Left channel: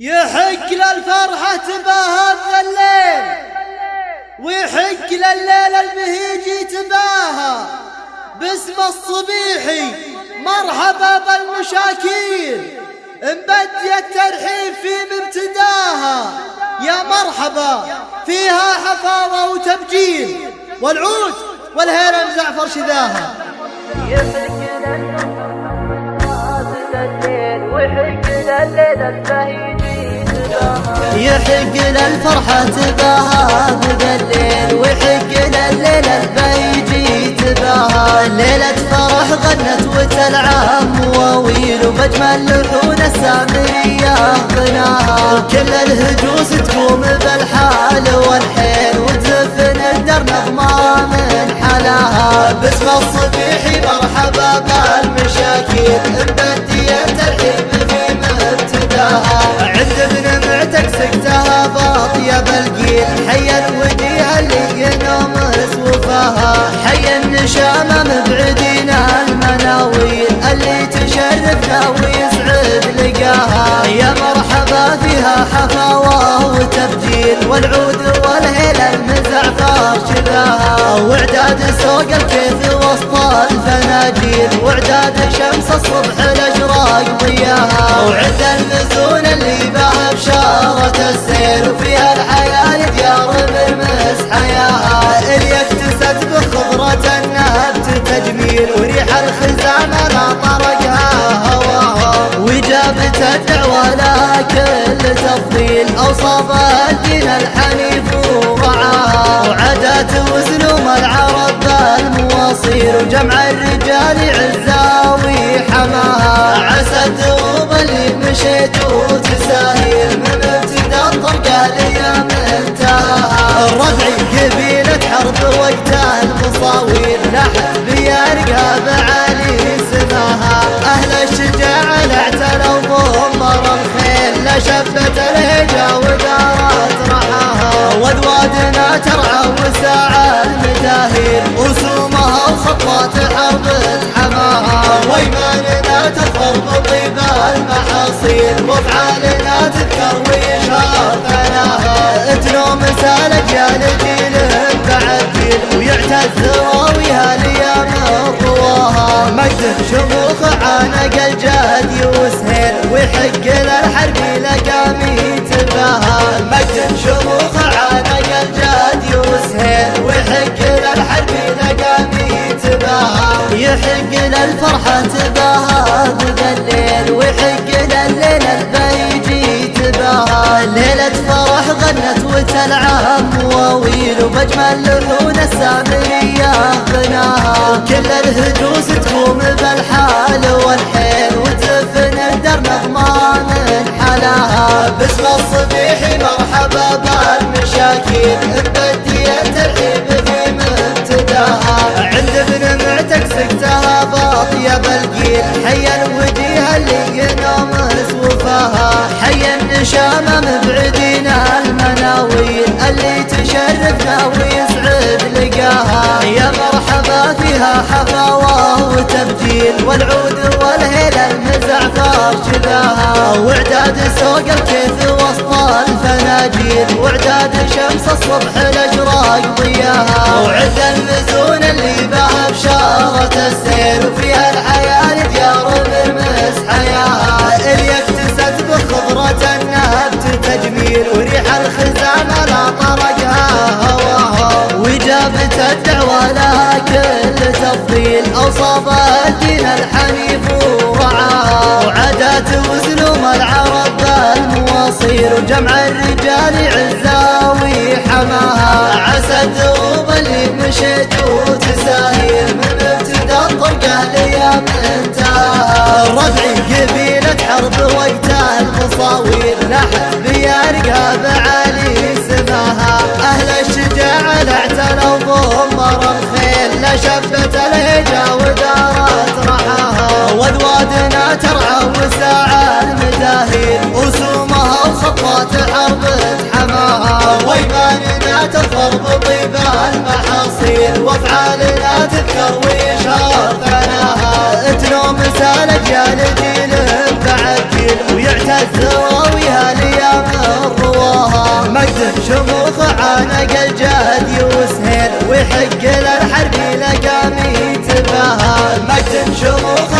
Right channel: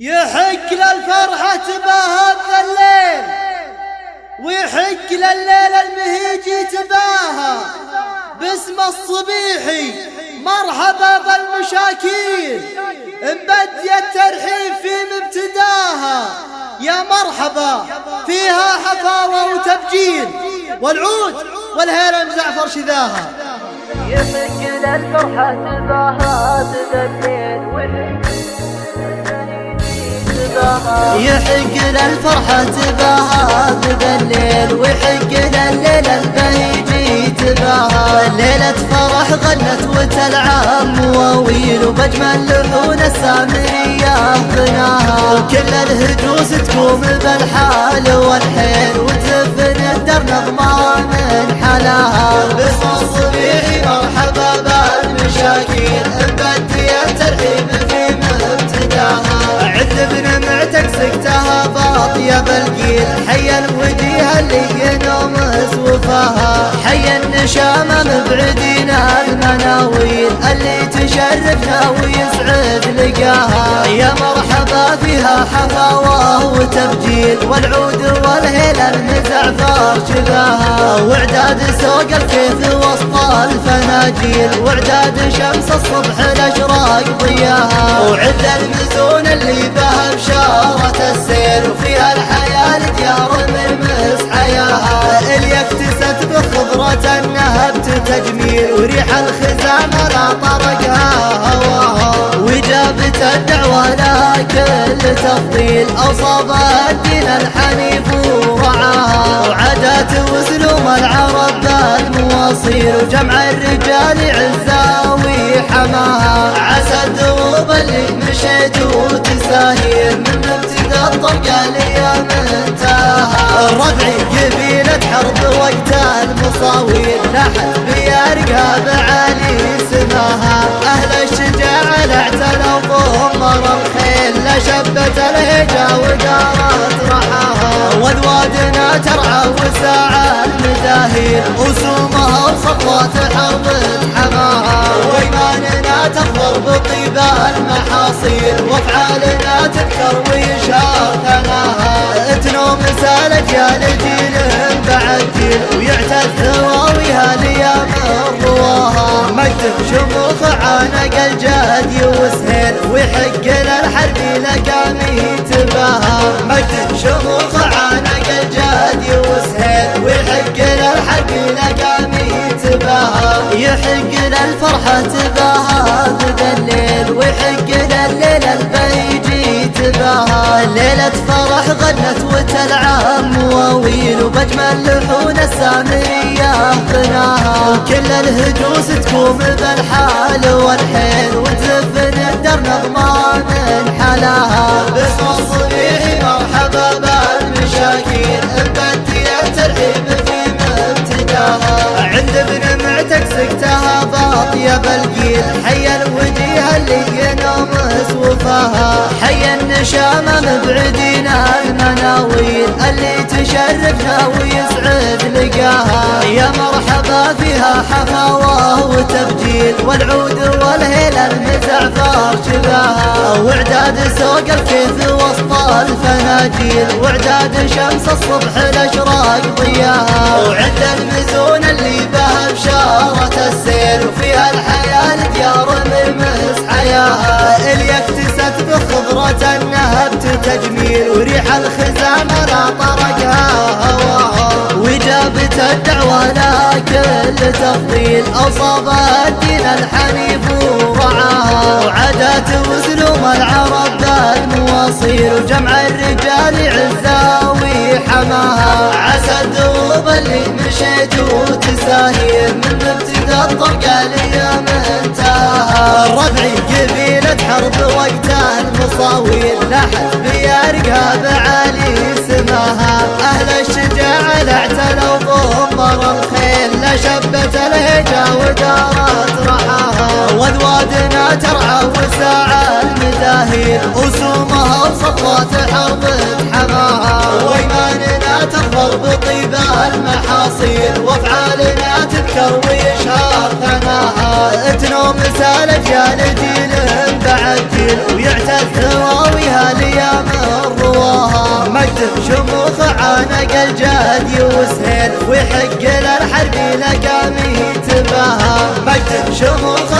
يحق للفرحة تباهى الليل، ويحق لليل المهيجي تباهى باسم الصبيحي. مرحبا بالمشاكين مبدي الترحيب في مبتداها، يا مرحبا فيها حفاوة وتبجيل، والعود والهيلة مزعفر شذاها. يحق للفرحة تباهى الليل، ويحق لليل البهيجي تباهى. يحق للفرحة تباهى الليل، ويحق لليل البهيجي تباهى. ليلة فرح غنت وتلعب مواويل، وبجمل لحون السامرية غناها. وكل الهجوس تقوم بالحال والحيل، وتزفن الدر نظمها من حلاها. باسم الصبيحي مرحبا بالمشاكين مبدي الترحيب في مبتداها. عند ابن معتق سكتها باطية بالقيل، حيا الوجيه اللي ينوم سوفاها. حيا النشامة مبعدين المناويل، اللي تشرفنا ويسعد لقاها. يا مرحبا فيها حفاوة وتبجيل، والعود والهيل المزعفر شذاها. واعداد سوق الكيف وسط الفناجيل، واعداد شمس الصبح الاشراق ضياها. وعند المزون اللي بها بشارة السير، وفيها الحياة ديار مرمس حياها. اللي اكتست بخضرة النهبت تجميل، وريح الخزامة لا طرقها هواها. وجابت الدعوة لها كل تفضيل، أوصافها الدين الحنيف ورعاها. وعادات وسلوم العرب بالمواصيل، وجمع الرجال عزاوي حماها. عسى الدروب اللي مشيت وتساهيل، من ابتدى الطرقة ليا منتهاها. الربعي قبيلة حرب وقت المصاويل، لاحت بيرقها بعالي سماها. أهل الشجاعة اعتلوا ضمر الخيل، لشبت الهجا ودارت رحاها. واذوادنا ترعى وساعة المداهيل، وسومها وسطوات حرب حماها. وايماننا تظهر بطيب المحاصيل، وافعالنا تذكر ويشهر ثناها. تنوم الاجيال جيل بعد جيل، ويعتز راويها ليام رواها. مجد شموخ عانق الجهد يوسهيل، ويحق للحرب لقامي تباها. مجد شموخ عانق الجهد يوسهيل، ويحق للحرب لقامي تباها. يحق للفرحة تباهى الليل، ويحق لليل البهيجي تباهى. ليلة فرح غنت وتلعب مواويل، وبجمل لحون السامرية غناها. وكل الهجوس تقوم بالحال والحيل، وتزفن الدر نظمها من حلاها. باسم الصبيحي مرحبا بالمشاكين مبدي الترحيب في مبتداها. عند ابن معتق سكتها باطية بالقيل، حيا الوجيه اللي ينوم سوفاها. حيا النشامة مبعدين المناويل، اللي تشرفنا ويسعد لقاها. يا مرحبا فيها حفاوة وتبجيل، والعود والهيل المزعفر شذاها. واعداد سوق الكيف وسط الفناجيل، واعداد شمس الصبح الاشراق ضياها. وعند المزون اللي بها بشارة السير، وفيها الحياة ديار مرمس حياها. اللي اكتست بخضرة النهبت تجميل، وريح الخزامة لا طرقها هواها. وجابت الدعوة لها كل تفضيل، أوصافها الدين الحنيف ورعاها. وعادات وسلوم العرب بالمواصيل، وجمع الرجال عزاوي حماها. عسى الدروب اللي مشيت وتساهيل، من ابتدى الطرقة ليا منتهاها. الربعي قبيلة حرب وقت المصاويل، لاحت بيرقها بعالي سماها. أهل الشجاعة اعتلوا ضمر الخيل، لشبت الهجا ودارت رحاها. واذوادنا ترعى وساعة المداهيل، وسومها وسطوات حرب حماها. وايماننا تظهر بطيب المحاصيل، وافعالنا تذكر ويشهر ثناها. تنوم الاجيال جيل بعد جيل، ويعتز راويها لي مقدم شموخ عانق الجاد يوسهيل ويحق للحرب لقامي تباها. مقدم شموخ